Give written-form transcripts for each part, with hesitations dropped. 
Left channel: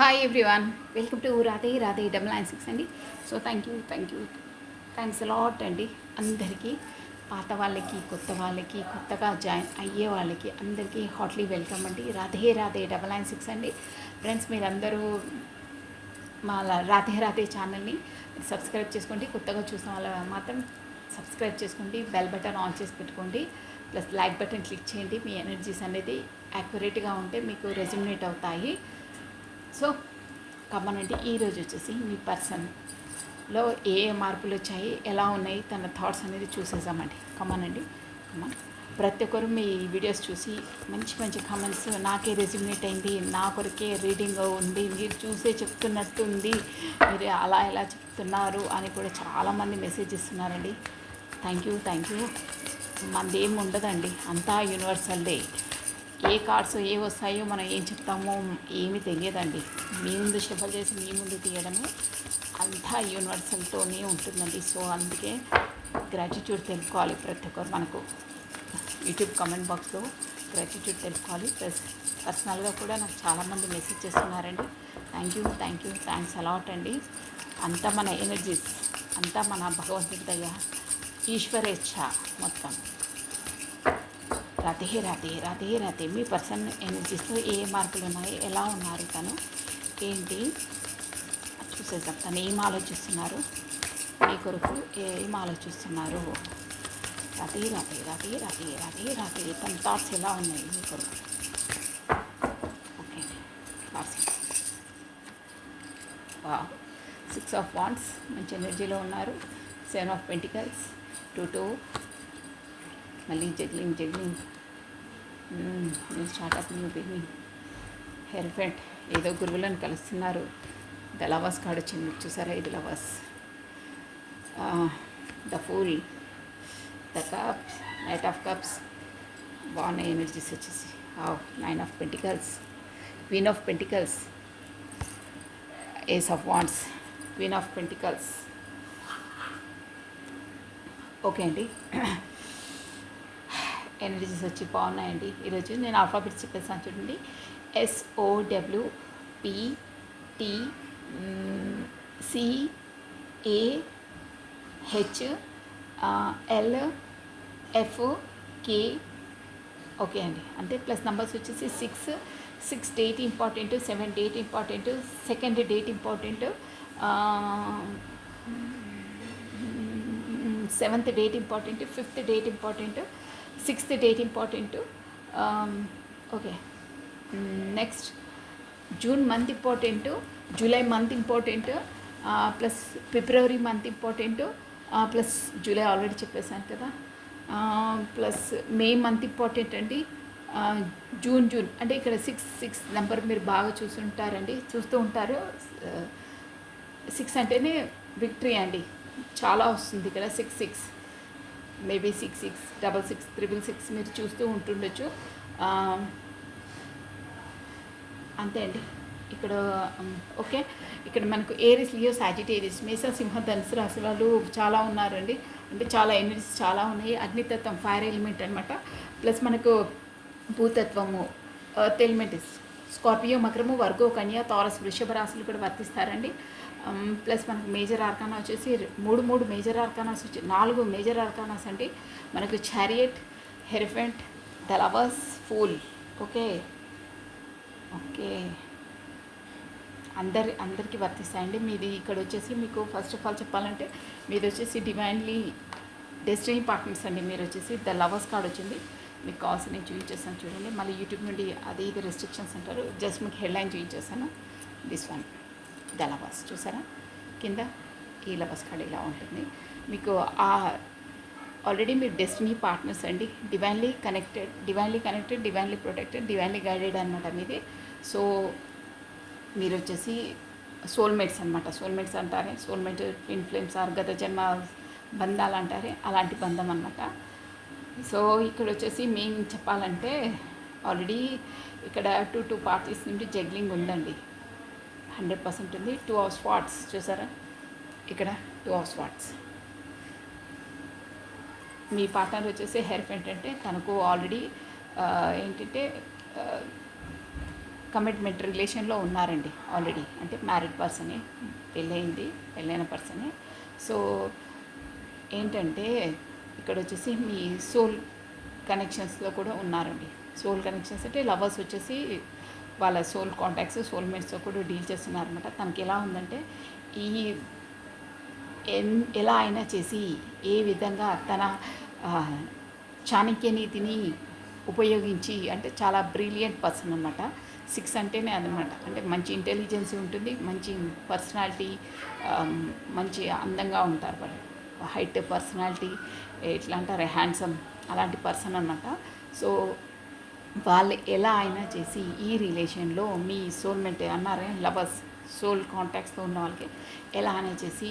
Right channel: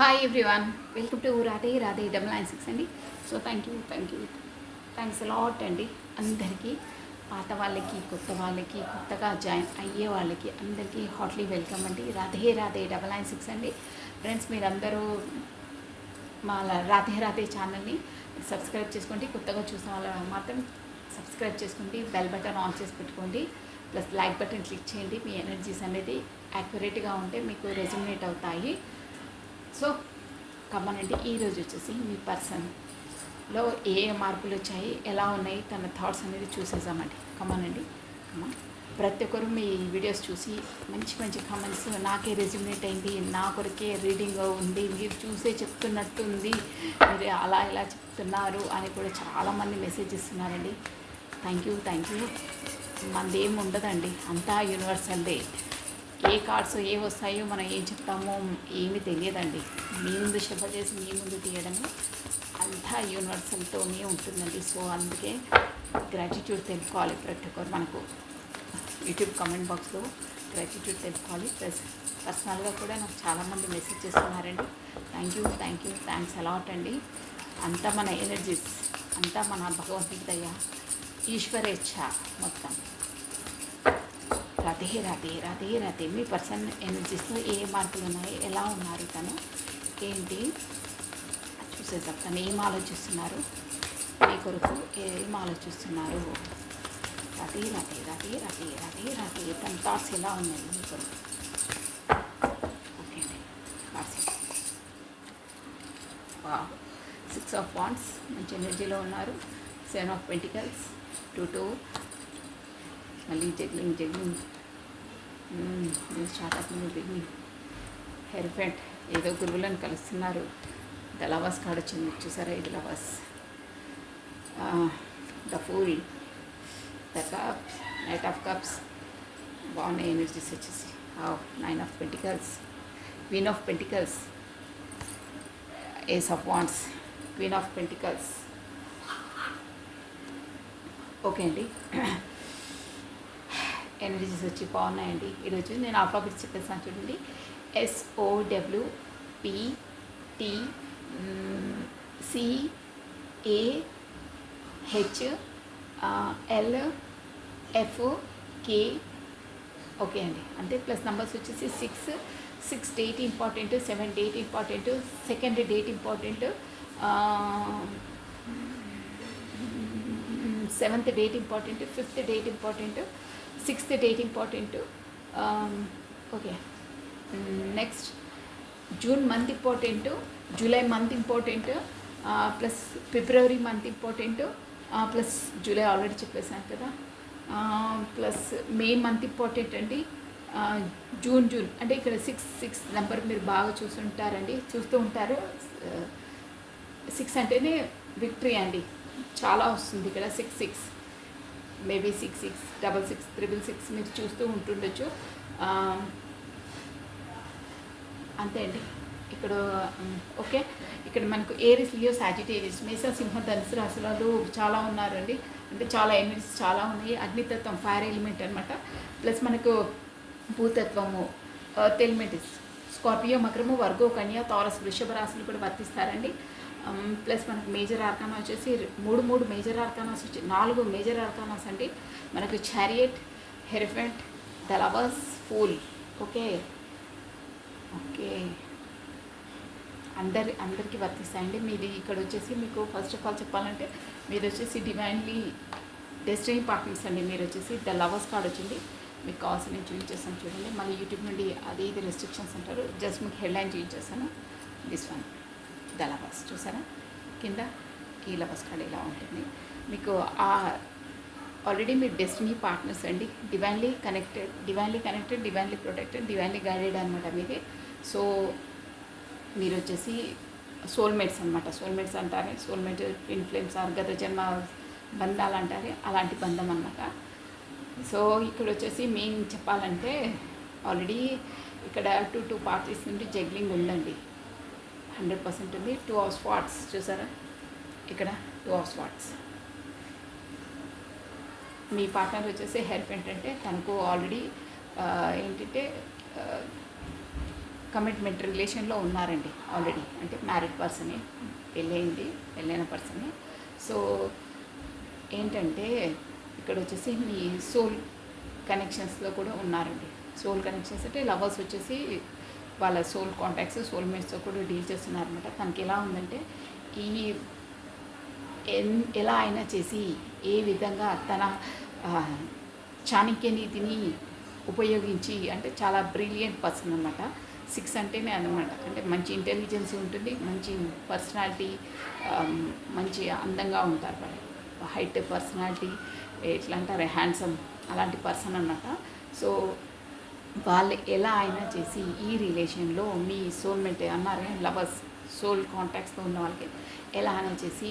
Hi everyone, welcome to Radhe Radhe 996 అండి. So thanks lot అండి అందరికీ, పాత వాళ్ళకి కొత్త వాళ్ళకి కొత్తగా జాయిన్ అయ్యే వాళ్ళకి అందరికీ హాట్లీ వెల్కమ్ అండి. రాధే రాధే 996 అండి. ఫ్రెండ్స్, మీరందరూ మా రాధే రాధే ఛానల్ని సబ్స్క్రైబ్ చేసుకోండి. కొత్తగా చూసిన వాళ్ళు మాత్రం సబ్స్క్రైబ్ చేసుకోండి, బెల్ బటన్ ఆన్ చేసి పెట్టుకోండి, ప్లస్ లైక్ బటన్ క్లిక్ చేయండి. మీ ఎనర్జీస్ అనేది యాక్యురేట్గా ఉంటే మీకు రెజ్యుమినేట్ అవుతాయి. సో కమ్మనండి, ఈరోజు వచ్చేసి మీ పర్సన్లో ఏ మార్పులు వచ్చాయి, ఎలా ఉన్నాయి, తన థాట్స్ అనేది చూసేసామండి. కమ్మనండి. ప్రతి ఒక్కరు మీ వీడియోస్ చూసి మంచి మంచి కామెంట్స్, నాకే రెజ్యూమినేట్ అయింది, నా కొరకే రీడింగ్ ఉంది, మీరు చూసే చెప్తున్నట్టుంది, మీరు అలా ఎలా చెప్తున్నారు అని కూడా చాలామంది మెసేజ్ ఇస్తున్నారండి. Thank you. మనది ఏమి ఉండదండి, అంతా యూనివర్సల్దే. ఏ కార్డ్స్ ఏ వస్తాయో మనం ఏం చెప్తామో ఏమీ తెలియదండి. మీ ముందు షఫల్ చేసి మీ ముందు తీయడము అంతా యూనివర్సల్తోనే ఉంటుందండి. సో అందుకే గ్రాటిట్యూడ్ తెలుసుకోవాలి ప్రతి ఒక్కరు. మనకు యూట్యూబ్ కామెంట్ బాక్స్లో గ్రాటిట్యూడ్ తెలుసుకోవాలి. ప్లస్ పర్సనల్గా కూడా నాకు చాలామంది మెసేజ్ చేస్తున్నారండి. థ్యాంక్స్ అలాట్ అండి. అంతా మన ఎనర్జీస్, అంతా మన భగవంతుడి దయ, ఈశ్వరేచ్ఛ మొత్తం. రాధే. మీ పర్సన్ ఎనర్జీస్లో ఏ మార్పులు ఉన్నాయి, ఎలా ఉన్నారు, తను ఏంటి చూసేద్దాం. తను ఏం ఆలోచిస్తున్నారు, మీ కొరకు ఏం ఆలోచిస్తున్నారు. రాధే. తన థాట్స్ ఎలా ఉన్నాయి మీ కొరకు. ఓకే అండి. 6 ఆఫ్ వాండ్స్ మంచి ఎనర్జీలో ఉన్నారు. 7 ఆఫ్ పెంటికల్స్, 2 మళ్ళీ జగ్లింగ్ స్టార్ట్ అవుతుంది. బిగినింగ్ హెల్ఫెంట్, ఏదో గురువులను కలుస్తున్నారు. ద లవర్స్ కార్డ్ వచ్చింది, చూసారా? ఇది lovers. The fool, the cups, knight of cups, బాగున్నాయి ఎనర్జీస్ వచ్చేసి. 9 of pentacles, queen of pentacles, ace of wands, queen of pentacles. Okay అండి. ఎనర్జీస్ వచ్చి బాగున్నాయండి. ఈరోజు నేను ఆల్ఫాబెట్స్ చెప్పేసాను చూడండి. SOWPTCAHLFK. ఓకే అండి. అంటే ప్లస్ నెంబర్స్ వచ్చేసి 6 date important, 7 date important, 2nd date important, 7th date important, 5th date important, 6th date important. Okay. Next June month important, July month important, plus February month important, plus July already చెప్పేసాను కదా, plus May month important అండి. June అంటే ఇక్కడ 6 number మీరు బాగా చూస్తూ ఉంటారు. 6 అంటేనే విక్టరీ అండి, చాలా వస్తుంది ఇక్కడ. 6 మేబీ 6666 మీరు చూస్తూ ఉంటుండొచ్చు. అంతే అండి ఇక్కడ. ఓకే, ఇక్కడ మనకు ఏరిస్, లియో, సాజిటేరియస్, మేషం, సింహం, ధనుసు రాశి వాళ్ళు చాలా ఉన్నారండి. అంటే చాలా ఎనర్జీస్ చాలా ఉన్నాయి. అగ్నితత్వం, ఫైర్ ఎలిమెంట్ అనమాట. ప్లస్ మనకు భూతత్వము, ఎర్త్ ఎలిమెంట్, స్కార్పియో, మకరము, వర్గో, కన్యా, తారస్, వృషభ రాశులు కూడా వర్తిస్తారండి. ప్లస్ మనకు మేజర్ ఆర్కానా వచ్చేసి 3 మేజర్ ఆర్కానాస్ వచ్చి 4 మేజర్ ఆర్కానాస్ అండి. మనకు chariot, hierophant, the lovers, fool. Okay. అందరికీ వర్తిస్తాయండి. మీది ఇక్కడ వచ్చేసి మీకు ఫస్ట్ ఆఫ్ ఆల్ చెప్పాలంటే మీది వచ్చేసి డివైన్లీ డెస్టినీ పార్ట్నర్స్ అండి. మీరు వచ్చేసి ద లవర్స్ కార్డ్ వచ్చింది. మీకు కావాల్సి నేను చూపించేస్తాను చూడండి. మళ్ళీ యూట్యూబ్ నుండి ఇది రెస్ట్రిక్షన్స్ అంటారు. జస్ట్ మీకు హెడ్లైన్ చూపించేస్తాను. దిస్ వన్ ద లవర్స్, చూసారా? కింద ఈ లవర్స్ కార్డ్ ఇలా ఉంటుంది. మీకు ఆల్రెడీ మీరు డెస్టినీ పార్ట్నర్స్ అండి. Divinely connected, divinely protected, divinely guided అనమాట మీది. సో మీరు వచ్చేసి సోల్మేట్స్ అనమాట. సోల్మేట్స్ అంటారే, సోల్మేట్, ట్విన్ ఫ్లేమ్స్, గత జన్మ బంధాలు అంటారే, అలాంటి బంధం అనమాట. సో ఇక్కడ వచ్చేసి మేము చెప్పాలంటే ఆల్రెడీ ఇక్కడ 2 పార్టీస్ నుండి జగ్లింగ్ ఉందండి. 100% ఉంది. 2 ఆఫ్ స్వార్డ్స్, చూసారా? ఇక్కడ 2 ఆఫ్ స్వార్డ్స్. మీ పార్ట్నర్ వచ్చేసి హెయిర్ పెయింట్ అంటే తనకు ఆల్రెడీ ఏంటంటే కమిట్మెంట్ రిలేషన్లో ఉన్నారండి ఆల్రెడీ, అంటే మ్యారీడ్ పర్సనే, పెళ్ళైన పర్సనే. సో ఏంటంటే ఇక్కడ వచ్చేసి మీ సోల్ కనెక్షన్స్లో కూడా ఉన్నారండి. సోల్ కనెక్షన్స్ అంటే లవర్స్ వచ్చేసి వాళ్ళ సోల్ కాంటాక్ట్స్, సోల్మేట్స్తో కూడా డీల్ చేస్తున్నారనమాట. తనకి ఎలా ఉందంటే ఈ ఎలా అయినా చేసి ఏ విధంగా తన చాణక్య నీతిని ఉపయోగించి, అంటే చాలా బ్రిలియంట్ పర్సన్ అనమాట. 6 అంటేనే అనమాట, అంటే మంచి ఇంటెలిజెన్స్ ఉంటుంది, మంచి పర్సనాలిటీ, మంచి అందంగా ఉంటారు వాళ్ళు, హైట్ పర్సనాలిటీ, ఎట్లా అంటారు హ్యాండ్సమ్, అలాంటి పర్సన్ అనమాట. సో వాళ్ళు ఎలా అయినా చేసి ఈ రిలేషన్లో మీ సోల్మేట్ అన్నారే లవర్స్, సోల్ కాంటాక్ట్స్తో ఉన్న వాళ్ళకి ఎలా అయినా చేసి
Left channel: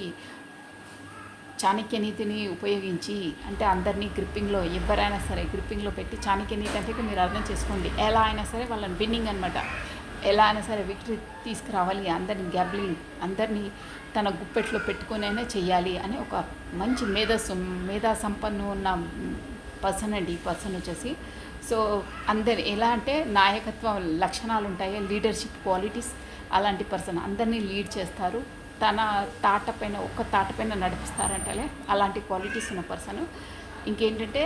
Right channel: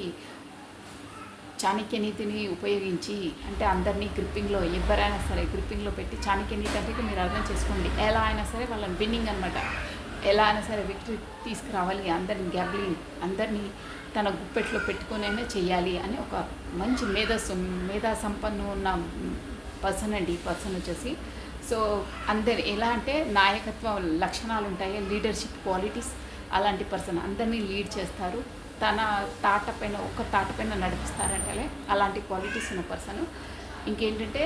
చాణక్య నీతిని ఉపయోగించి, అంటే అందరినీ గ్రిప్పింగ్లో, ఎవరైనా సరే గ్రిప్పింగ్లో పెట్టి, చాణక్య నీతి అంటే మీరు అర్థం చేసుకోండి, ఎలా అయినా సరే వాళ్ళని విన్నింగ్ అనమాట, ఎలా అయినా సరే విక్టరీ తీసుకురావాలి, అందరిని గ్యాబ్లింగ్, అందరినీ తన గుప్పెట్లో పెట్టుకునైనా చెయ్యాలి అని ఒక మంచి మేధా సంపన్ను ఉన్న పర్సన్ అండి ఈ పర్సన్ వచ్చేసి. సో అందరు ఎలా అంటే నాయకత్వం లక్షణాలు ఉంటాయి, లీడర్షిప్ క్వాలిటీస్, అలాంటి పర్సన్ అందరినీ లీడ్ చేస్తారు, తన ఒక్క తాట పైన నడిపిస్తారంటే అలాంటి క్వాలిటీస్ ఉన్న పర్సన్. ఇంకేంటంటే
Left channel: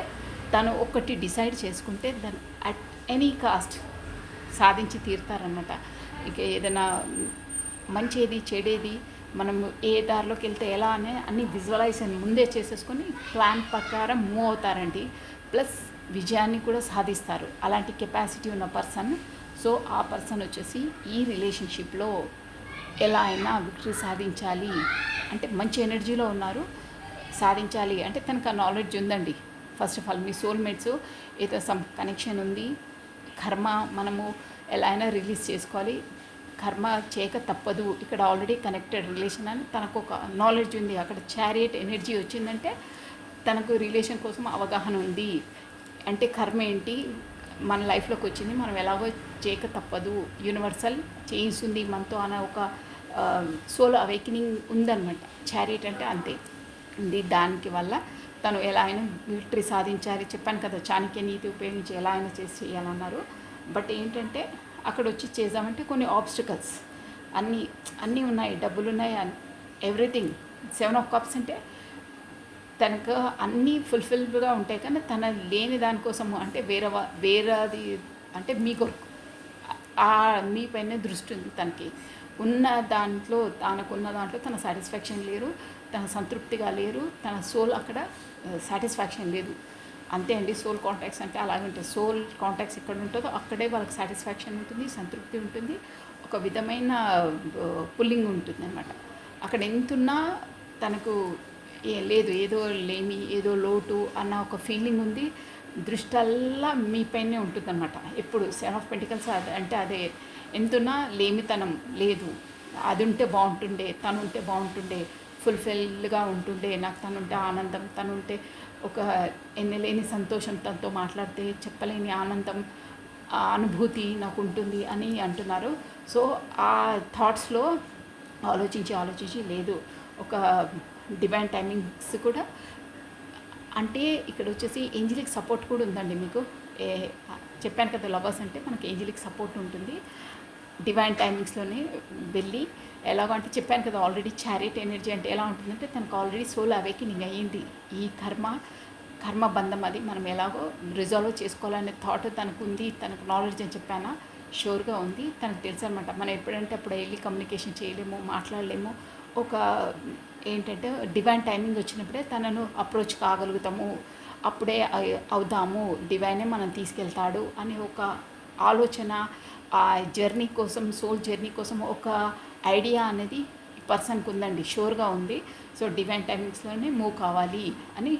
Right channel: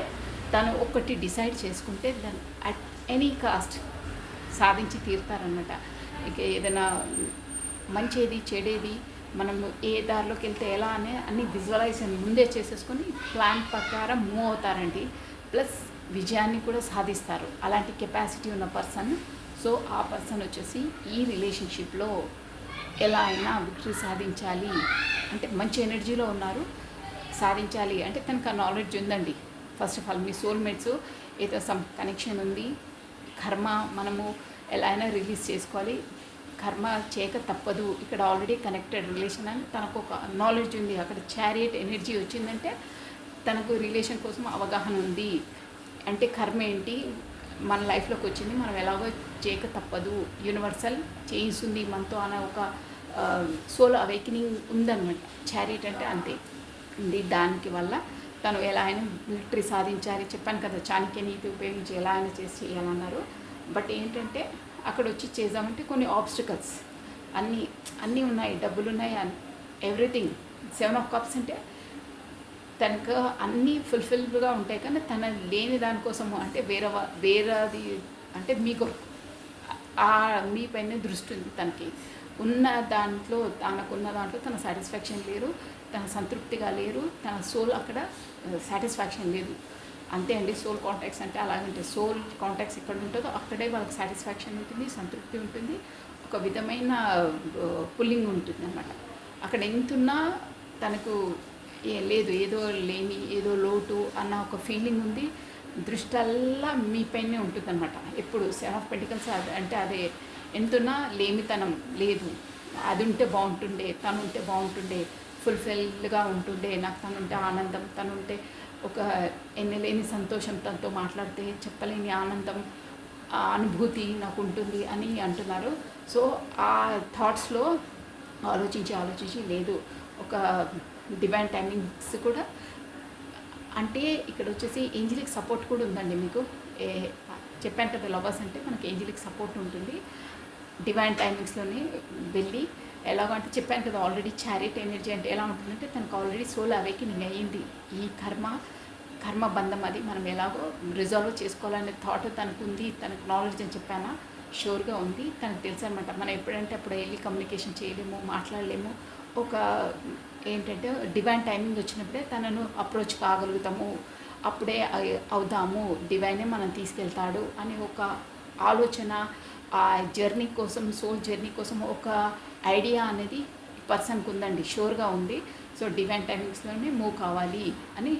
తను ఒక్కటి డిసైడ్ చేసుకుంటే దాన్ని అట్ ఎనీ కాస్ట్ సాధించి తీరుతారన్నమాట. ఇక ఏదైనా మంచేది చెడేది మనము ఏ దారిలోకి వెళ్తే ఎలా అనే అన్ని విజువలైజేషన్ ముందే చేసేసుకొని ప్లాన్ ప్రకారం మూవ్ అవుతారండి. ప్లస్ విజయాన్ని కూడా సాధిస్తారు, అలాంటి కెపాసిటీ ఉన్న పర్సన్. సో ఆ పర్సన్ వచ్చేసి ఈ రిలేషన్షిప్లో ఎలా అయినా విక్టరీ సాధించాలి అంటే మంచి ఎనర్జీలో ఉన్నారు, సాధించాలి అంటే తనకు ఆ నాలెడ్జ్ ఉందండి. First of all me soulmates ఏదో సమ్ కనెక్షన్ ఉంది, కర్మ మనము ఎలా అయినా రిలీజ్ చేసుకోవాలి, కర్మ చేయక తప్పదు, ఇక్కడ ఆల్రెడీ కనెక్టెడ్ రిలేషన్ అని తనకు ఒక నాలెడ్జ్ ఉంది. అక్కడ చారియట్ ఎనర్జీ వచ్చిందంటే తనకు రిలేషన్ కోసం అవగాహన ఉంది. అంటే కర్మ ఏంటి, మన లైఫ్లోకి వచ్చింది, మనం ఎలాగో చేయక తప్పదు, యూనివర్సల్ చేయిస్తుంది మనతో అన్న ఒక సోల్ అవేకనింగ్ ఉందన్నమాట. చారియట్ అంటే అంతే ఉంది. దానికి వల్ల తను ఎలా అయినా విక్టరీ సాధించాలి, చెప్పాను కదా చాణక్య నీతి ఉపయోగించి ఎలా అయినా చేసి చేయాలన్నారు. బట్ ఏంటంటే అక్కడ వచ్చి చేద్దామంటే కొన్ని ఆబ్స్టికల్స్ అన్నీ ఉన్నాయి, డబ్బులు ఉన్నాయి, ఎవ్రీథింగ్. 7 ఆఫ్ కప్స్ అంటే తనకు అన్నీ ఫుల్ఫిల్గా ఉంటాయి, కానీ తన లేని దానికోసము అంటే వేరేది అంటే మీకు మీ పైన దృష్టి ఉంది. తనకి ఉన్న దాంట్లో తన సాటిస్ఫాక్షన్ లేరు, తన సంతృప్తిగా లేరు, తన సోల్ అక్కడ సాటిస్ఫాక్షన్ లేదు. అంతే అండి, సోల్ కాంటాక్ట్స్ అంటే అలాగంటే సోల్ కాంటాక్ట్స్ ఎక్కడ ఉంటుందో అక్కడే వాళ్ళకి సాటిస్ఫాక్షన్ ఉంటుంది, సంతృప్తి ఉంటుంది, ఒక విధమైన పుల్లింగ్ ఉంటుంది అన్నమాట. అక్కడ ఎంతున్నా తనకు లేదు, ఏదో లేమి, ఏదో లోటు అన్న ఒక ఫీలింగ్ ఉంది. దృష్టల్లా మీ పైనే ఉంటుంది అనమాట ఎప్పుడు. 7 ఆఫ్ పెంటికల్స్ అంటే అదే, ఎంతున్నా లేమితనం లేదు, అది ఉంటే బాగుంటుండే, తను ఉంటే బాగుంటుండే, ఫుల్ఫిల్గా ఉంటుండే, నాకు తనుంటే ఆనందం, తనుంటే ఒక ఎన్నలేని సంతోషం, తనతో మాట్లాడితే చెప్పలేని ఆనందం, అనుభూతి నాకు ఉంటుంది అని అంటున్నారు. సో ఆ థాట్స్లో ఆలోచించి లేదు, ఒక డివైన్ టైమింగ్స్ కూడా అంటే ఇక్కడ వచ్చేసి ఏంజలిక్ సపోర్ట్ కూడా ఉందండి మీకు. చెప్పాను కదా లవర్స్ అంటే మనకి ఏంజలిక్ సపోర్ట్ ఉంటుంది. డివైన్ టైమింగ్స్లోనే వెళ్ళి ఎలాగంటే చెప్పాను కదా ఆల్రెడీ చారిట్ ఎనర్జీ అంటే ఎలా ఉంటుందంటే తనకు ఆల్రెడీ సోల్ అవేకనింగ్ అయ్యింది. ఈ కర్మ బంధం అది మనం ఎలాగో రిజాల్వ్ చేసుకోవాలనే థాట్ తనకు ఉంది, తనకు నాలెడ్జ్ అని చెప్పానా షూర్గా ఉంది. తనకు తెలుసు అనమాట మనం ఎప్పుడంటే అప్పుడు వెళ్ళి కమ్యూనికేషన్ చేయలేము, మాట్లాడలేము. ఒక ఏంటంటే డివైన్ టైమింగ్ వచ్చినప్పుడే తనను అప్రోచ్ కాగలుగుతాము, అప్పుడే అవుదాము, డివైనే మనం తీసుకెళ్తాడు అని ఒక ఆలోచన, ఆ జర్నీ కోసం, సోల్ జర్నీ కోసం ఒక ఐడియా అనేది పర్సన్కి ఉందండి, షూర్గా ఉంది. సో డివైన్ టైమింగ్స్లోనే మూవ్ కావాలి అని,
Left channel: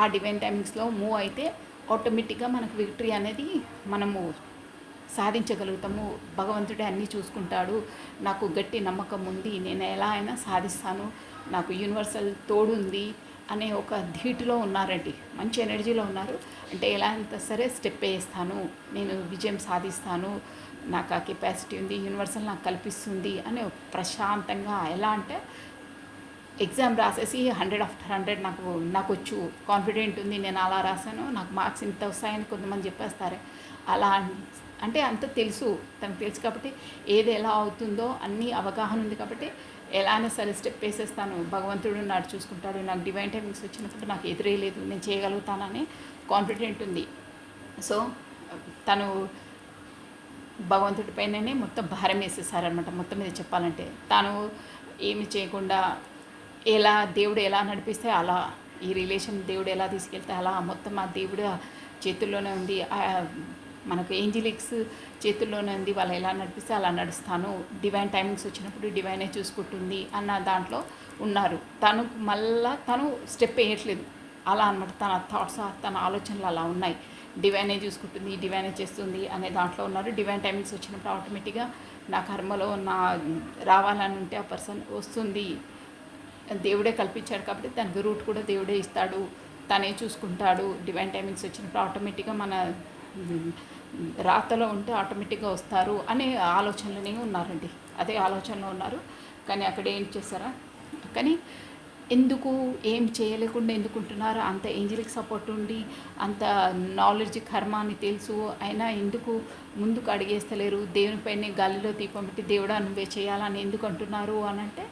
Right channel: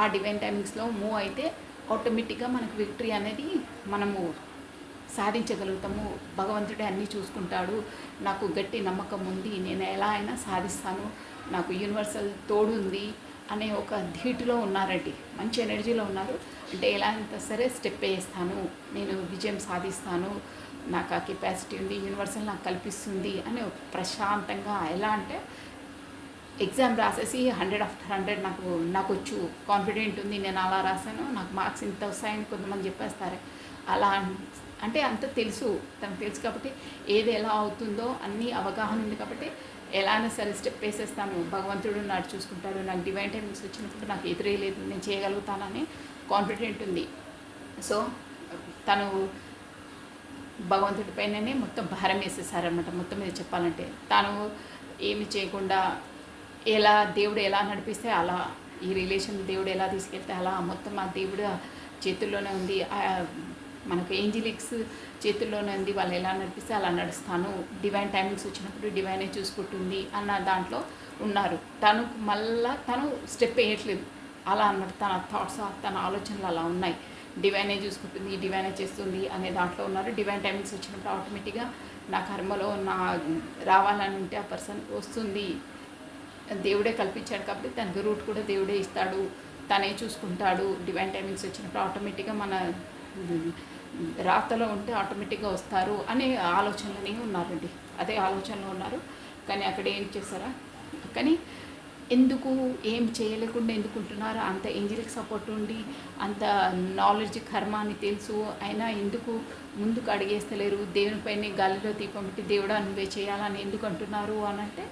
ఆ డివైన్ టైమింగ్స్లో మూవ్ అయితే ఆటోమేటిక్గా మనకు విక్టరీ అనేది మనము సాధించగలుగుతాము. భగవంతుడే అన్నీ చూసుకుంటాడు, నాకు గట్టి నమ్మకం ఉంది, నేను ఎలా అయినా సాధిస్తాను, నాకు యూనివర్సల్ తోడు ఉంది అనే ఒక ధీటులో ఉన్నారండి, మంచి ఎనర్జీలో ఉన్నారు. అంటే ఎలా అయినా సరే స్టెప్ వేస్తాను, నేను విజయం సాధిస్తాను, నాకు ఆ కెపాసిటీ ఉంది, యూనివర్సల్ నాకు కల్పిస్తుంది అని ప్రశాంతంగా. ఎలా అంటే ఎగ్జామ్ రాసేసి 100/100 నాకు వచ్చు, కాన్ఫిడెంట్ ఉంది, నేను అలా రాశాను, నాకు మార్క్స్ ఇంత వస్తాయని కొంతమంది చెప్పేస్తారు. అలా అంటే అంత తెలుసు, తనకు తెలుసు కాబట్టి ఏది ఎలా అవుతుందో అన్నీ అవగాహన ఉంది కాబట్టి ఎలానే సరే స్టెప్ వేసేస్తాను, భగవంతుడు నాడు చూసుకుంటాడు, నాకు డివైన్ టైమింగ్స్ వచ్చినప్పుడు నాకు ఎదురే లేదు, నేను చేయగలుగుతానని కాన్ఫిడెంట్ ఉంది. సో తను భగవంతుడి పైననే మొత్తం భారం వేసేసారనమాట. మొత్తం మీద చెప్పాలంటే తాను ఏమి చేయకుండా దేవుడు ఎలా నడిపిస్తే అలా, ఈ రిలేషన్ దేవుడు ఎలా తీసుకెళ్తే అలా, మొత్తం ఆ దేవుడు చేతుల్లోనే ఉంది, మనకు ఏంజిలిక్స్ చేతుల్లోనే ఉంది, వాళ్ళు ఎలా నడిపిస్తే అలా నడుస్తాను, డివైన్ టైమింగ్స్ వచ్చినప్పుడు డివైనే చూసుకుంటుంది అన్న దాంట్లో ఉన్నారు. తను స్టెప్ వేయట్లేదు అలా అనమాట. తన థాట్స్, తన ఆలోచనలు అలా ఉన్నాయి. డివైనే చూసుకుంటుంది, డివైనే చేస్తుంది అనే దాంట్లో ఉన్నారు. డివైన్ టైమింగ్స్ వచ్చినప్పుడు ఆటోమేటిక్గా నా కర్మలో రావాలని ఉంటే ఆ పర్సన్ వస్తుంది. దేవుడే కల్పించాడు కాబట్టి దానికి రూట్ కూడా దేవుడే ఇస్తాడు, తనే చూసుకుంటాడు. డివైన్ టైమింగ్స్ వచ్చినప్పుడు ఆటోమేటిక్గా మన రాతలో ఉంటే ఆటోమేటిక్గా వస్తారు అనే ఆలోచనలనే ఉన్నారండి. అదే ఆలోచనలో ఉన్నారు. కానీ అక్కడ ఏం చేశారా, కానీ ఎందుకు ఏం చేయలేకుండా ఎందుకుంటున్నారు? అంత ఏంజలిక్ సపోర్ట్ ఉండి, అంత నాలెడ్జ్ కర్మ అని తెలుసు, అయినా ఎందుకు ముందుకు అడిగేస్తలేరు? దేవునిపైనే గాలిలో దీపం పెట్టి దేవుడా నువ్వే చేయాలని ఎందుకు అంటున్నారు అని అంటే,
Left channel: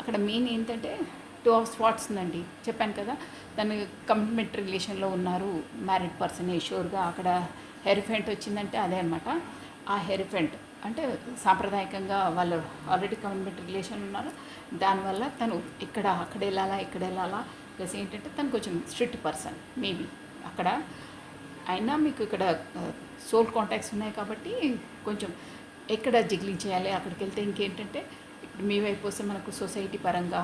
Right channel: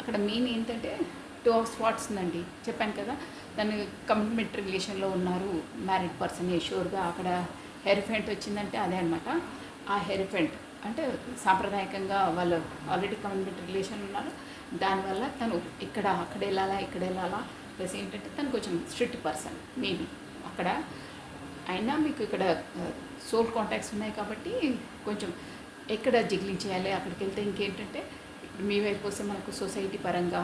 అక్కడ మెయిన్ ఏంటంటే 2 ఆఫ్ స్పాట్స్ ఉందండి. చెప్పాను కదా, దాన్ని కమిట్మెంట్ రిలేషన్లో ఉన్నారు, మ్యారీడ్ పర్సన్ షూర్గా. అక్కడ హెరిఫెంట్ వచ్చిందంటే అదే అనమాట. ఆ హెరిఫెంట్ అంటే సాంప్రదాయకంగా వాళ్ళు ఆల్రెడీ కమిట్మెంట్ రిలేషన్ ఉన్నారు. దానివల్ల తను అక్కడ వెళ్ళాలా ప్లస్ ఏంటంటే తను కొంచెం స్ట్రిక్ట్ పర్సన్ మేబీ అక్కడ. అయినా మీకు ఇక్కడ సోల్ కాంటాక్ట్స్ ఉన్నాయి కాబట్టి కొంచెం ఎక్కడ జిగ్లింగ్ చేయాలి, అక్కడికి వెళ్తే ఇంకేంటంటే ఇప్పుడు మీ వైపు వస్తే మనకు సొసైటీ పరంగా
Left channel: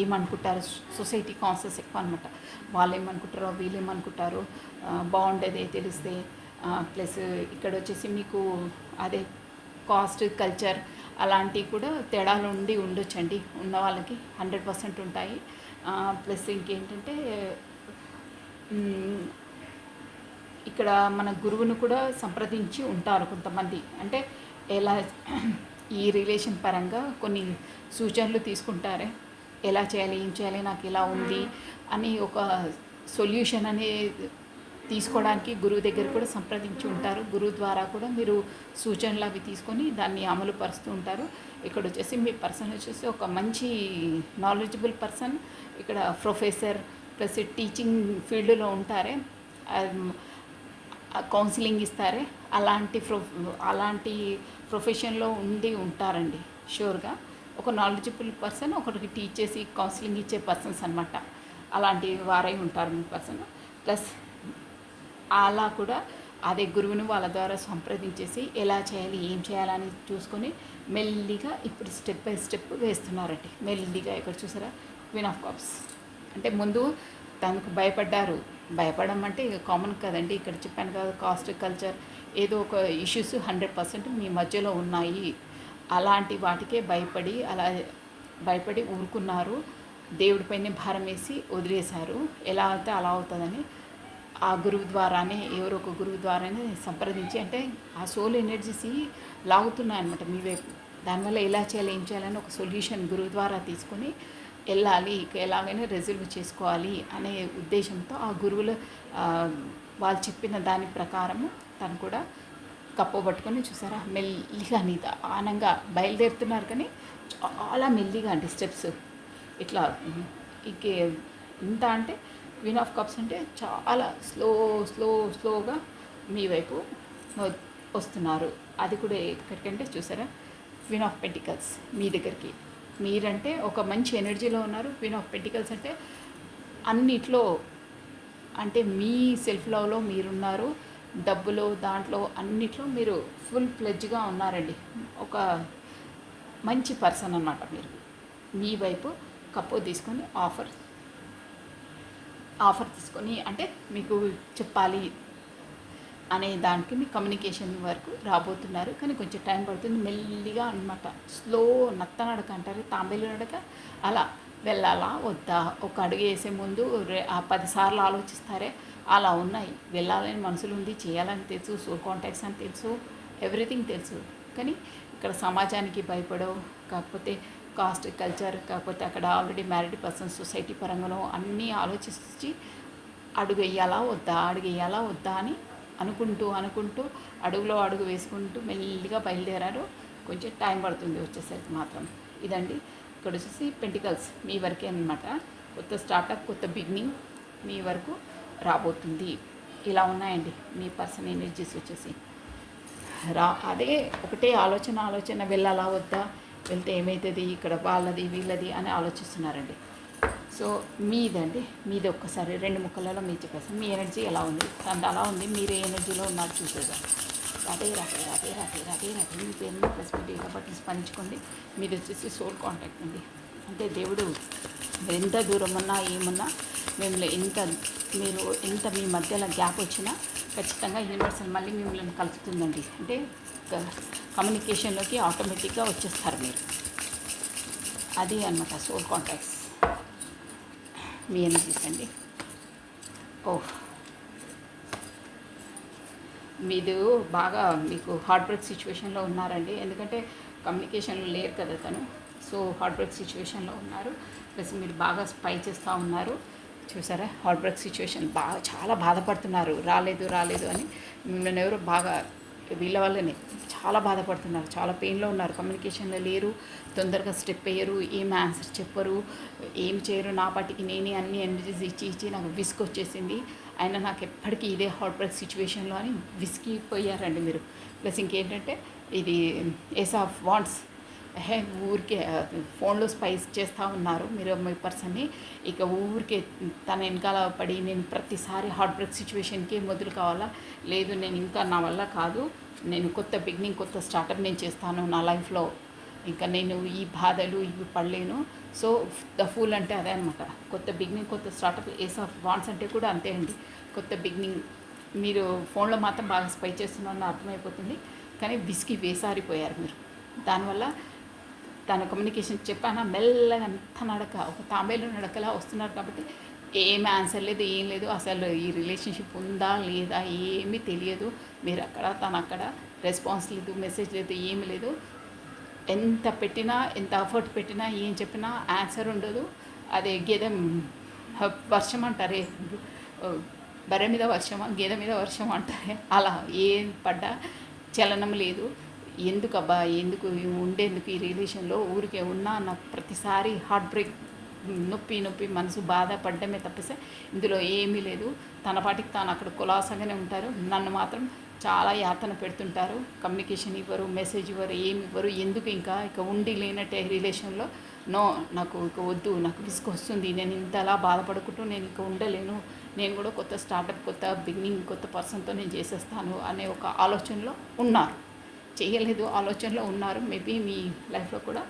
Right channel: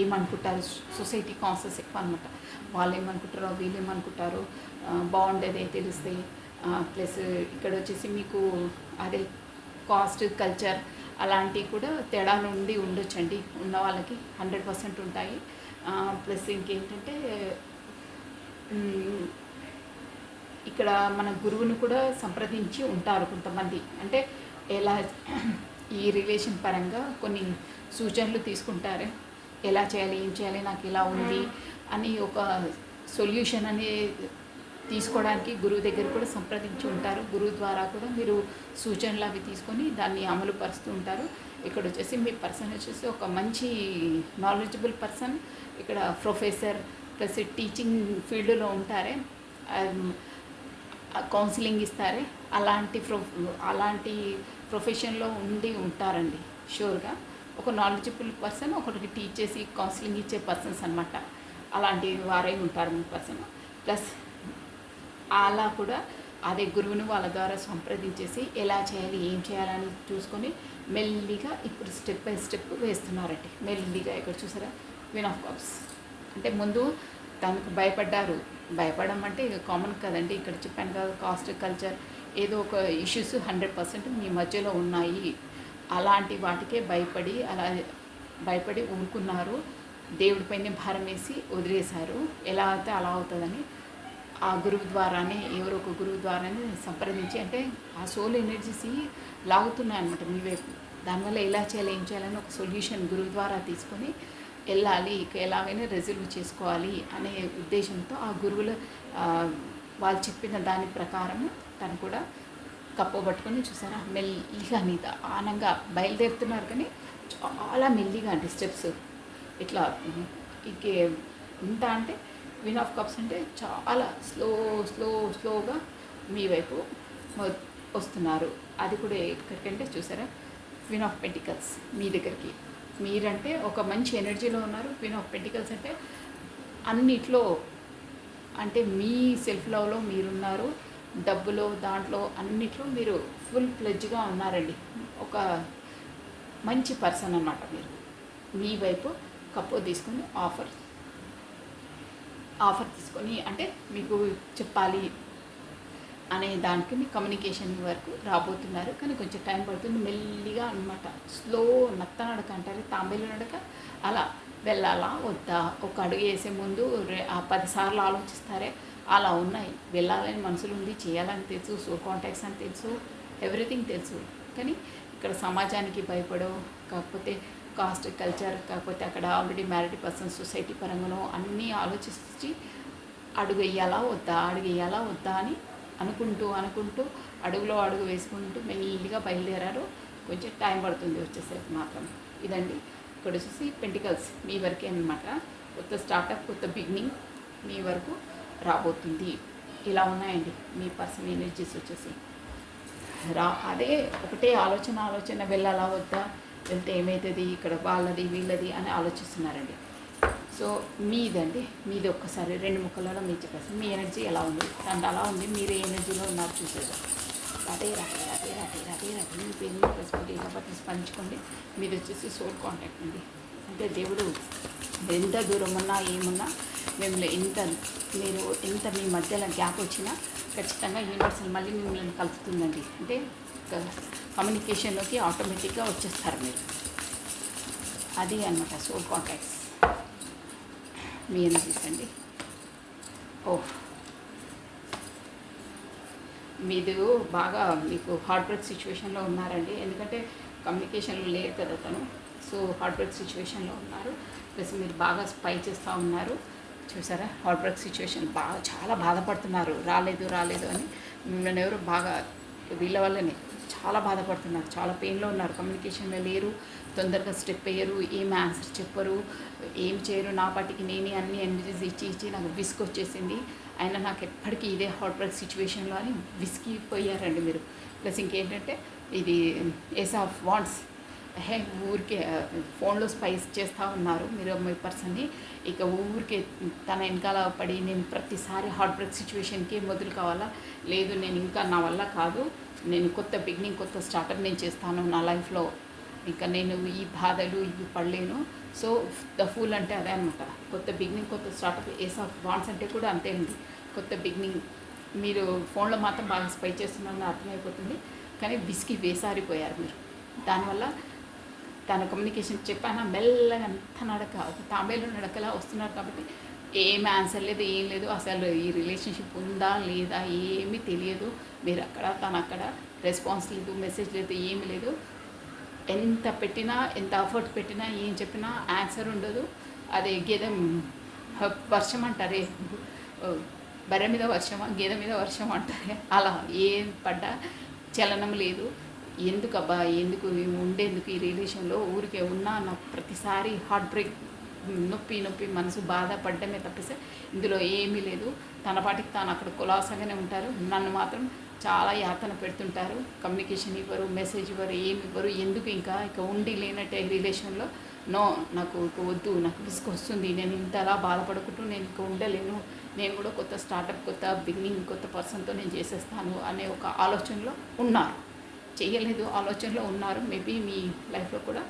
ఏమనుకుంటారు, సొసైటీ కాన్సెప్ట్స్ ఎక్కువ అనమాట. వాళ్ళు ఏమనుకుంటారో వీళ్ళు ఏమనుకుంటారో బాగుండేదే తెలిస్తే. ప్లస్ ఇక్కడ వచ్చేసి మీకు అదే కాస్ట్ కల్చర్ అలాంటివి కూడా తేడాలు ఉండొచ్చండి. ఉన్న వాళ్ళకి 100% ఉంటాయి. ప్లస్ ఇంకేంటంటే ఇక్కడ మన గురువుని కూడా సంప్రదించి ఉంటారు కొంతమంది. అంటే ఎలా ఈ రిలేషన్ పరంగా కొన్ని సూచనలు తీసుకుంటారే, ఎలా చేయాలి, ఏం చేయాలి, నాకు ఇలా ఉంది అని ఒక సొల్యూషన్ అనేది తీసుకోవడానికి గురువు దగ్గర కూడా సంప్రదించి ఉంటారు. గురువు ద్వారా కూడా మీరు సూచనలు అవి తీసుకొని దాన్ని అమలు పరుస్తూ ఉంటారు. ఇక్కడ వచ్చేసి మీ పర్సన్ వచ్చేసి ఒక మంచి నాలెడ్జబుల్ పర్సన్, ఇక్కడ ప్రొఫెసర్ ప్లస్ టీచింగ్ ఫీల్డ్లో ఉంటారే, కౌన్సిలింగ్ ఇస్తారే, అలాంటి ప్రొఫెషన్లో ఉంటారండి షూర్గా. ఒక నాలెడ్జబుల్ పర్సన్, ఒకరికి టీచ్ చేసి కౌన్సిలింగ్ ఇచ్చే పర్సన్స్ అనమాట. అలాంటి వారే ఉంటారు మీ పర్సన్. ప్లస్ అలా కూడా అదే గురువుని వాళ్ళ ద్వారా సంప్రదించేసి ఎలా చేయాలి, ఏం చేయాలని చూసుకొని మెల్లిగా ఇప్పుడు స్టెప్ బై స్టెప్ వేస్తున్నారండి. మెల్లిగా ఇక్కడ చూసారా, క్వీన్ ఆఫ్ కప్స్ అంటే ముందు తనకు భయపడడం అంటే ఇక కామన్ కదండి. ఇక్కడ చెప్పాను కదా, కాస్ట్ కల్చర్ ఏదో ఒక ఇష్యూస్ 100% మీ మధ్యలో ఉన్నాయి. అలాంటి వాటికే భయపడి ఊరుకున్నారు. దేవుడిపైనే భారం వేసి వదిలేశారు. ఎలా అయితే అలా అవుతుందని ఆ గురువు ద్వారానే, ఎవరో ఒక గురువు ద్వారానే సంప్రదించి, అంటే ఆ సోల్ ఎనర్జీస్ లాగుతున్నాయి అనమాట మీ వైపు. దానివల్ల ఎలా చేయాలి, ఏం చేయాలని ఒక సొల్యూషన్ గురువు ద్వారా తీసుకొని వెళ్ళాలి, ఎలాగైనా రిజల్వ్ చేసుకోవాలి అనే ఉద్దేశంతో ఆ గురువులు వాళ్ళు చెప్పిన దాని ప్రకారం తను కూడా కప్పబట్టుకొని చూసారా, మెల్లిగా నిదానంగా బయలుదేరుతున్నారు. కానీ చాలా మెల్లిగా అండి స్టెప్స్ ఇట్లా. ఇంత అంటే క్వీన్ ఆఫ్ కప్స్ అంటే చాలా స్లోగా మీ వైపు వస్తున్నారు. అది కూడా ఎక్కడికంటే చూసారా, క్వీన్ ఆఫ్ పెంటికల్స్ మీ దగ్గరికి. మీరంటే ఒక మంచి ఎనర్జీలో ఉన్నారు. క్వీన్ ఆఫ్ పెంటికల్స్ అంటే అన్నిట్లో, అంటే మీ సెల్ఫ్ లవ్లో మీరున్నారు, డబ్బులో దాంట్లో అన్నిట్లో మీరు ఫుల్ ప్లెడ్జ్గా ఉన్నారండి. ఒక మంచి పర్సన్ అన్నమాట మీరు. మీ వైపు కప్పు తీసుకొని ఆఫర్ తీసుకొని, అంటే మీకు చెప్పాలి అనే దానికి మీ కమ్యూనికేషన్ వరకు రాబోతున్నారు. కానీ కొంచెం టైం పడుతుంది, మెల్లిగా అనమాట. స్లో నడక అంటారు, తాంబేలు నడక. అలా వెళ్ళాలా వద్దా, ఒక అడుగు వేసే ముందు 10 సార్లు ఆలోచిస్తారే, అలా ఉన్నాయి. వెళ్ళాలని మనసులు ఉంది, చేయాలని తెలుసు, సోల్ కాంటాక్ట్స్ అని తెలుసు, ఎవ్రీథింగ్ తెలుసు. కానీ ఇక్కడ సమాజానికి భయపడో, కాకపోతే కాస్ట్ కల్చర్, కాకపోతే అక్కడ ఆల్రెడీ మ్యారీడ్ పర్సన్ సొసైటీ పరంగానో అన్నీ ఆలోచించి అడుగు వేయాలా వద్దా అని అనుకుంటూ అనుకుంటూ అడుగులో అడుగు వేసుకుంటూ మెల్లిగా బయలుదేరారు. కొంచెం టైం పడుతుంది వచ్చేసరికి మాత్రం. ఇదండి ఇక్కడ వచ్చేసి పెంటికల్స్ మీ వరకే అనమాట. కొత్త స్టార్టప్, కొత్త బిగినింగ్ మీ వరకు రాబోతుంది. ఇలా ఉన్నాయండి మీ పర్సన్ ఎనర్జీస్ వచ్చేసి. అదే ఒకటే ఆలోచన వెళ్ళాలా వద్దా, వెళ్తే ఏమవుతుంది, ఇక్కడ వాళ్ళది వీళ్ళది అని ఆలోచిస్తున్నారండి. సో మీదండి, మీది ఒక్కసారి 2 ముక్కలలో మీరు చెప్పేసి మీ ఎనర్జీ ఎలా ఉంది, అండ్ అలా ఉంది, మీరు ఏ ఎనర్జీలో ఉన్నారు చూసేదా. అదే మీ పేరు ప్రెసిడెంట్ ఇలా పట్ల స్పందించుకోండి. మీది వచ్చేసి సోల్ కాంటాక్ట్ అండి. అంటే దేవుడు ఎంత దూరం ఉన్నా ఏమున్నా మిమ్మల్ని మీరు ఎంత మీ మధ్యలో గ్యాప్ వచ్చినా ఖచ్చితంగా యూనివర్సల్ మళ్ళీ మిమ్మల్ని కలుపుతుందండి. అంటే కమ్యూనికేషన్లోకి ఆటోమేటిక్గా వచ్చేస్తారు మీరు. అది అన్నమాట సోల్ కాంటాక్ట్స్ మీ ఎనర్జీస్ అండి. మీరు బాగా మీకు హార్ట్ బ్రేక్ సిచ్యువేషన్లో ఉన్నారండి. ఎందుకంటే కమ్యూనికేషన్లో లేరు కదా తను. సో హార్ట్ బ్రేక్ సిచ్యువేషన్లో ఉన్నారు. ప్లస్ మీరు బాగా స్పై చేస్తూ ఉన్నారు. చూసారా, హార్ట్ బ్రేక్ సిచ్యువేషన్ బాగా చాలా బాధపడుతున్నారు. రాలేదు అని నన్ను ఎవరు బాగా వీళ్ళ వల్లనే చాలా బాధపడుతున్నారు, చాలా పెయిన్లో ఉన్నారు. కమ్యూనికేషన్లో లేరు, తొందరగా స్టెప్ అయ్యారు, ఏం ఆన్సర్ చెప్పరు, ఏం చేయరు. నా పాటికి నేనే అన్ని ఎనర్జీస్ ఇచ్చి నాకు విస్క్ వచ్చేసింది. ఆయన నాకు ఎప్పటికీ ఇదే హార్ట్ బ్రేక్ సిచ్యువేషన్లో అని విసిగిపోయారండి మీరు. ప్లస్ ఇంకేంటంటే ఇది ఏస్ ఆఫ్ వాంట్స్ ఊరికే ఫోన్లో స్పైస్ చేస్తూ ఉన్నారు మీరు మీ పర్సన్ని. ఇక ఊరికే తన వెనకాల పడి నేను ప్రతిసారి హార్ట్ బ్రేక్ సిచ్యువేషన్కి మొదలు కావాలా, లేదు నేను ఇంకా నా వల్ల కాదు, నేను కొత్త బిగినింగ్, కొత్త స్టార్టప్ నేను చేస్తాను నా లైఫ్లో, ఇంకా నేను ఈ బాధలు ఇవి పడలేను. సో ద ఫూల్ అంటే అదే అనమాట. కొత్త బిగినింగ్, కొత్త స్టార్టప్. ఏస్ ఆఫ్ వాంట్స్ అంటే కూడా అంతే అండి, కొత్త బిగినింగ్. మీరు ఫోన్లో మాత్రం బాగా స్పై చేస్తున్నారని అర్థమైపోతుంది, కానీ విసికి వేసారిపోయారు మీరు. దానివల్ల తన కమ్యూనికేషన్ చెప్పాను మెల్లగా అంత నడక, ఒక తాంబేలు నడకలా వస్తున్నారు. కాబట్టి ఏమి ఆన్సర్ లేదు, ఏం లేదు, అసలు ఈ రిలేషన్షిప్ ఉందా లేదా ఏమీ తెలియదు. మీరు అక్కడ తను అక్కడ, రెస్పాన్స్ లేదు, మెసేజ్ లేదు, ఏమి లేదు. ఎంత పెట్టినా, ఎంత ఎఫర్ట్ పెట్టినా, ఏం చెప్పినా ఆన్సర్ ఉండదు. అదే గేదె వర్షం అంటారే, బర్రె మీద వర్షమా గేదె మీద వర్షం అంటారే, అలా ఏం పడ్డా చలనం లేదు. ఎందుకబ్బా, ఎందుకు ఉండేందుకు ఈ రిలేషన్లో, ఊరికే ఉన్నా నాకు ప్రతిసారి హార్ట్ బ్రేక్, నొప్పి మనసు బాధపడ్డమే తప్పిస్తే ఇందులో ఏమీ లేదు. తన పాటికి తాను అక్కడ కులాసగానే ఉంటారు. నన్ను మాత్రం చాలా యాతన పెడుతుంటారు. కమ్యూనికేషన్ ఇవ్వరు, మెసేజ్ ఇవ్వరు, ఏమి ఇవ్వరు. ఎందుకు ఇక ఉండి లేనట్టే రిలేషన్లో. నో, నాకు ఇక వద్దు, నాకు విసుగు వస్తుంది, నేను ఇంతలా బాధపడుకుంటూ నేను ఇక ఉండలేను, నేను కూడా కొత్త స్టార్టప్, కొత్త బిగినింగ్, కొత్త పర్సన్తో నేను చేసేస్తాను అనే ఒక ఆలోచనలో ఉన్నారు. చేయలేదు, ఆలోచనలో ఉన్నారు. మేబీ మీ లైఫ్లో కూడా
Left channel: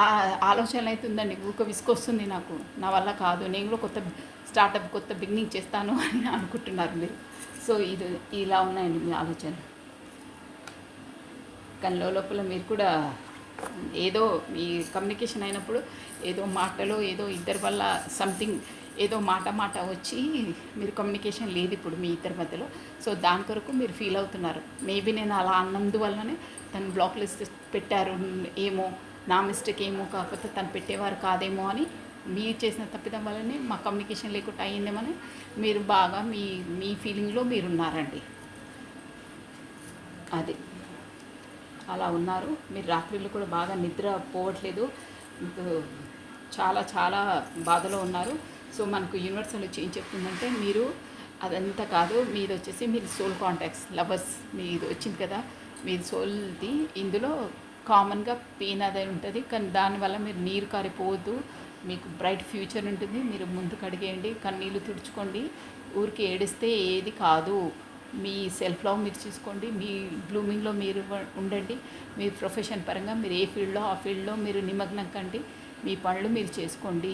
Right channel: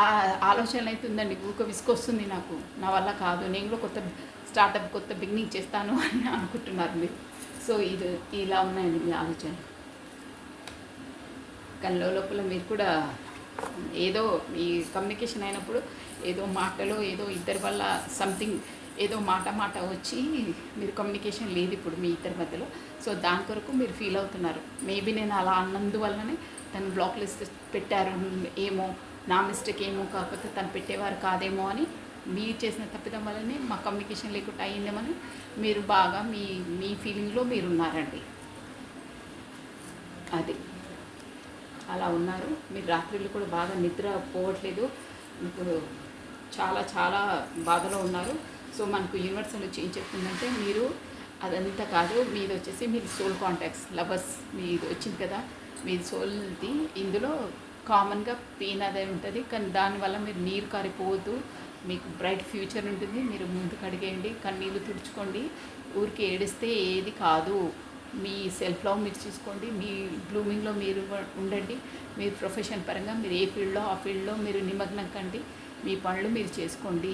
ఆ ఆలోచన అయితే ఉందండి. ఊక విసుకొస్తుంది, నాకు నా వల్ల కాదు, నేను కూడా కొత్త స్టార్టప్, కొత్త బిగినింగ్ చేస్తాను అని అనుకుంటున్నారు మీరు. సో ఇది ఇలా ఉన్నాయండి మీ ఆలోచన. కానీ లోపల మీరు కూడా ఏదో మీ కమ్యూనికేషన్ అయినప్పుడు ఏదో మాటలో ఏదో ఇద్దరి వల్ల సంథింగ్ ఏదో మాట వచ్చి మీరు కమ్యూనికేషన్ లేదు ఇప్పుడు మీ ఇద్దరి మధ్యలో. సో దాని కొరకు మీరు ఫీల్ అవుతున్నారు. మేబీ నేను అలా అన్నందువల్లనే తను బ్లాక్ లిస్ట్ పెట్టారు ఏమో, నా మిస్టేక్ ఏమో, కాకపోతే తను పెట్టేవారు కాదేమో అని, మీరు చేసిన తప్పిదం వల్లనే మా కమ్యూనికేషన్ లేకుండా అయ్యిందేమని మీరు బాగా మీ ఫీలింగ్లో మీరు ఉన్నారండి. అది అలా ఉన్నారు మీరు. రాత్రిళ్ళు కూడా బాగా నిద్ర పోవట్లేదు, మీకు చాలా చాలా బాధలో ఉన్నారు. సో మనకు యూనివర్సల్ వచ్చి ఏం చెప్తుందంటే, మీరు అదంతా కాదు, మీది వచ్చేసి మీరు సోల్ కాంటాక్ట్స్, లవర్స్ మీది వచ్చింది కదా, మీది సోల్ది. ఇందులో కామన్గా పెయిన్ అదే ఉంటుంది, కానీ దానివల్ల మీరు నీరు కారిపోవద్దు, మీకు బ్రైట్ ఫ్యూచర్ ఉంటుంది. మీరు ముందుకు అడిగేయండి, కన్నీళ్ళు తుడుచుకోండి. ఊరికి ఏడిస్తే ఏది కాదు. మీ సెల్ఫ్ లవ్ మీరు చూసుకోండి, మీ బ్లూమింగ్లో మీరు ఉండండి. మీ ప్రొఫెషన్ పరంగా మీరు ఏ ఫీల్డ్లో ఆ ఫీల్డ్లో మీరు నిమగ్నం కండి. మీ పనులు మీరు చేసుకోండి.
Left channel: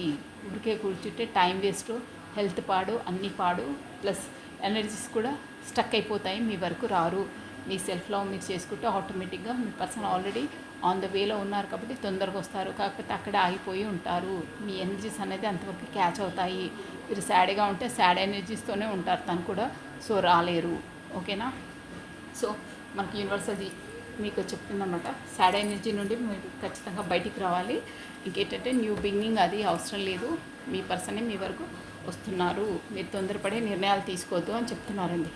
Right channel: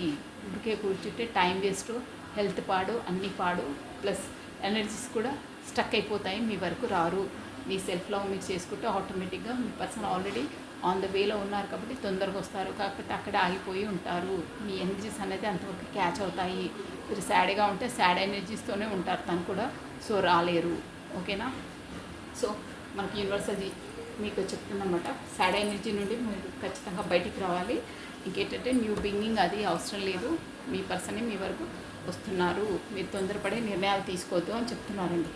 ఊరికే కూర్చుంటే టైం వేస్ట్, హెల్త్ పాడు, అన్నీ పాడు. ప్లస్ ఎనర్జీస్ కూడా స్టక్ అయిపోతాయి, మీ వరకు రారు. మీ సెల్ఫ్ లవ్ మీరు చేసుకుంటే ఆటోమేటిక్గా మీ పర్సన్ ఆల్రెడీ ఆన్ ద వేలో ఉన్నారు కాబట్టి తొందరగా వస్తారు. కాకపోతే అక్కడే ఆగిపోయి ఉంటారు. మీ ఎనర్జీస్ అనేది అంతవరకు క్యాచ్ అవుతాయి. మీరు సాడ్గా ఉంటే సాడ్ ఎనర్జీస్తోనే ఉంటారు తను కూడా. సో రాలేరు. ఓకేనా? సో మనకి యూనివర్స్ అది మీకు చెప్తుందన్నమాట. సాడ్ ఎనర్జీ నుండి మీరు ఖచ్చితంగా బయటికి రావాలి. ఇంకేంటంటే న్యూ బిగినింగ్ అది అవసరం లేదు. మీ పర్సనే మీ వరకు వస్తున్నారు. మీరు తొందరపడే నిర్ణయాలు తీసుకోవద్దు అని చెప్తున్నారండి.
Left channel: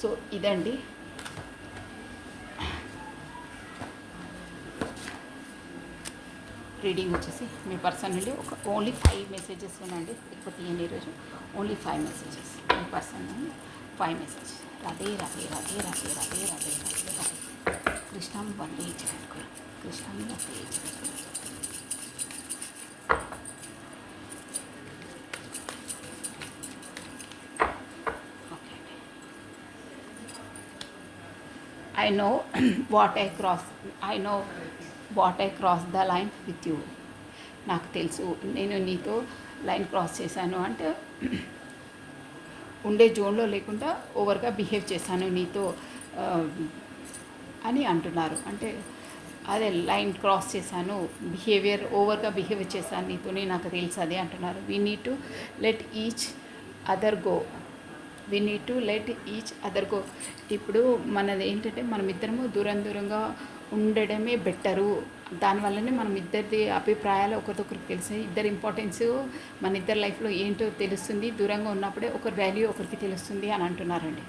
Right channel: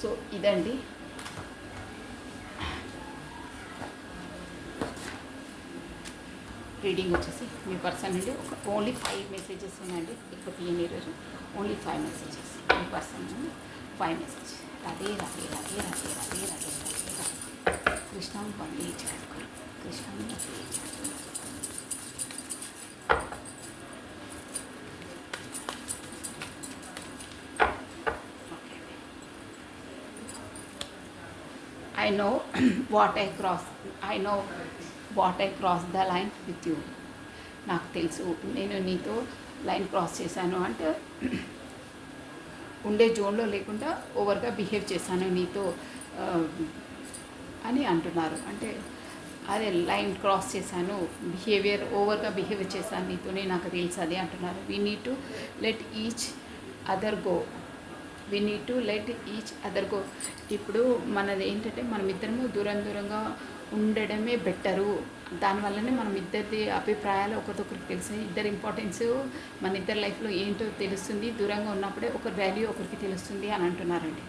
సో ఇదండి రీడింగ్ వచ్చేసి మీ పర్సన్ నుండి ఓన్లీ 5 మెసేజెస్ ఉన్నాయండి. ఎక్కువ తీయండి ఈరోజు. ఓన్లీ 5 మెసేజెస్ మీ పర్సన్ నుండి 5 మెసేజ్. రాధే రాధే రాధే రాధే రాధే రాధే రాధే రాధే. కృష్ణాన్ని బందీ చేయట్టుకోరు, కృష్ణాన్ని బందీ చేయట్టుకోరు. I know I know what I crossed the line with you. నాకు తెలుసు నేను నీతో లైన్ క్రాస్ చేశాను అంటే ఉండే జోన్లో లేకుండా ఓవర్గా బిహేవ్ చేశాను నీతో అని అంటున్నారు. అంటే అదే లైన్ క్రాస్ చేశాను, బిహేవియర్ ఓవర్గా బిహేవ్ చేశాను నీతోనే, నాకు తెలుసు అదే అంటున్నారు. We need to let each other go. We need to let each other go. ఇప్పుడు మనది ఏంటంటే మనమిద్దరము దూరంగా ఉండడమే బెటరు. దానివల్లనే మనం ఇద్దరి అభిప్రాయాలు ఒకరికొకరికి తెలిసి ఇద్దరి ఇంపార్టెన్స్ మన ఇద్దరి లైఫ్లో ఏంటో తెలుస్తుంది. దూరంగా ఉన్నప్పుడే ఒకరి వాల్యూ ఒకరికి తెలుస్తుంది అని అంటున్నారండి.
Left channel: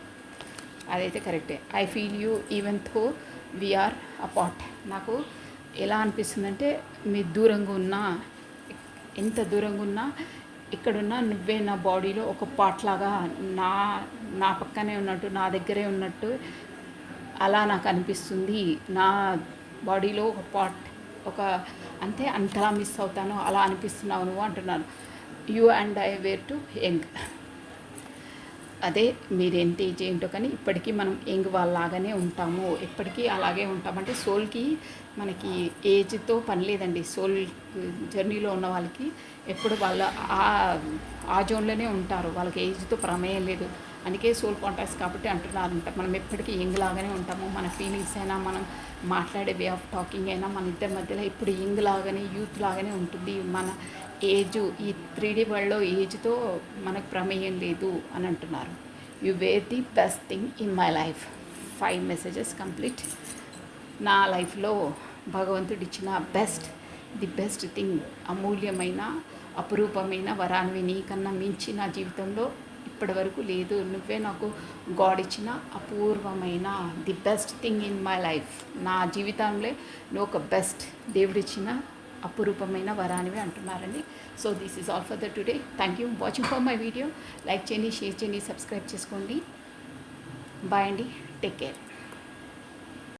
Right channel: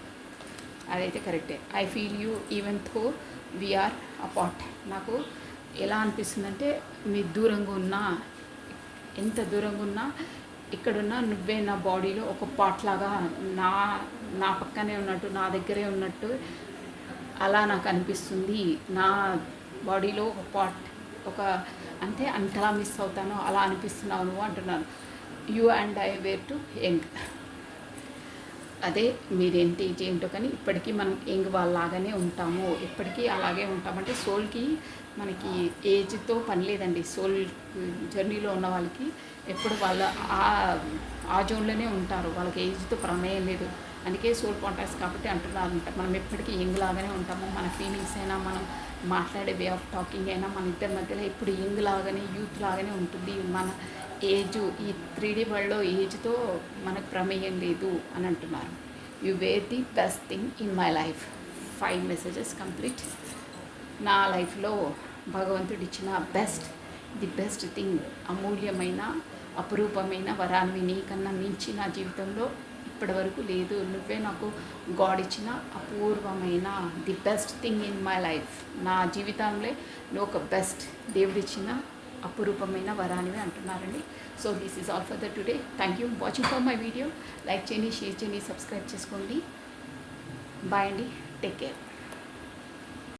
అదైతే కరెక్టే. I feel you even though we are apart. నాకు ఎలా అనిపిస్తుందంటే మీ దూరంగా ఉన్నా, ఎంత దూరంగా ఉన్నా, ఇక్కడున్నా నువ్వే నా బాడీలో ఒక పార్ట్ లాగా నా పక్కనే ఉన్నట్టు, నా దగ్గరే ఉన్నట్టు అలా నాకు అనిపిస్తుంది. నా బాడీలో ఒక పార్ట్, ఒక అంతే అంతలా మిస్ అవుతాను, అలా అనిపిస్తున్నావు నువ్వు అంటున్నాను. You and I were too young. అదే మీరేంటి ఏజ్ ఏంటో కానీ ఇప్పటికీ మనం యంగ్ వాళ్ళలాగానే ఉంటాము, ఎప్పటికీ అలాగే ఉంటామంటే సోల్కి మనకి ఏజ్తో పని లేదండి. సోల్ జర్నీలో ఉన్న వాళ్ళకి ఎప్పుడు వాళ్ళ ఆ జోన్లోనే ఉంటారు, వాళ్ళకి ఏజ్తో ప్రమేయం లేదు. అందుకే సోల్ కాంటాక్ట్స్ కాబట్టి అంటున్నారంట మనం ఎప్పటికీ యంగ్ లాగానే ఉంటాము. మన ఫీలింగ్స్ అయినా, మనం మాట్లాడే వే ఆఫ్ టాకింగ్ అయినా మన ఇద్దరి మధ్యలో ఎప్పుడు యంగ్ లాగానే, యూత్ లాగానే ఉంటుంది. మన ఏజ్ ఈ 3D వరల్డ్లో ఏజ్తో మనకు ప్రమేయం లేదు అని అంటున్నారు. You wear the best thing in my life. 5 messages complete. నా లైఫ్లో భగవంతుడు ఇచ్చిన ది బెస్ట్ థింగ్, అమూల్యమైన అపురూపమైన వరాన్ని నీకన్నా మించి నా జీవితంలో ఇప్పటి వరకు లేదు. నువ్వే నాకు గాడ్ ఇచ్చిన అపూర్వమైన the best thing in my life. నా జీవితంలో నువ్వు ఒక బెస్ట్ దేవుడిచ్చిన అపురూపమైన వరానివి అంటున్నారండి. So this is all for the today. Thank you watching for my video. Like చేయండి, షేర్ చేయండి, సబ్స్క్రైబ్ చేసుకోండి. బాయ్ అండి, టేక్ కేర్.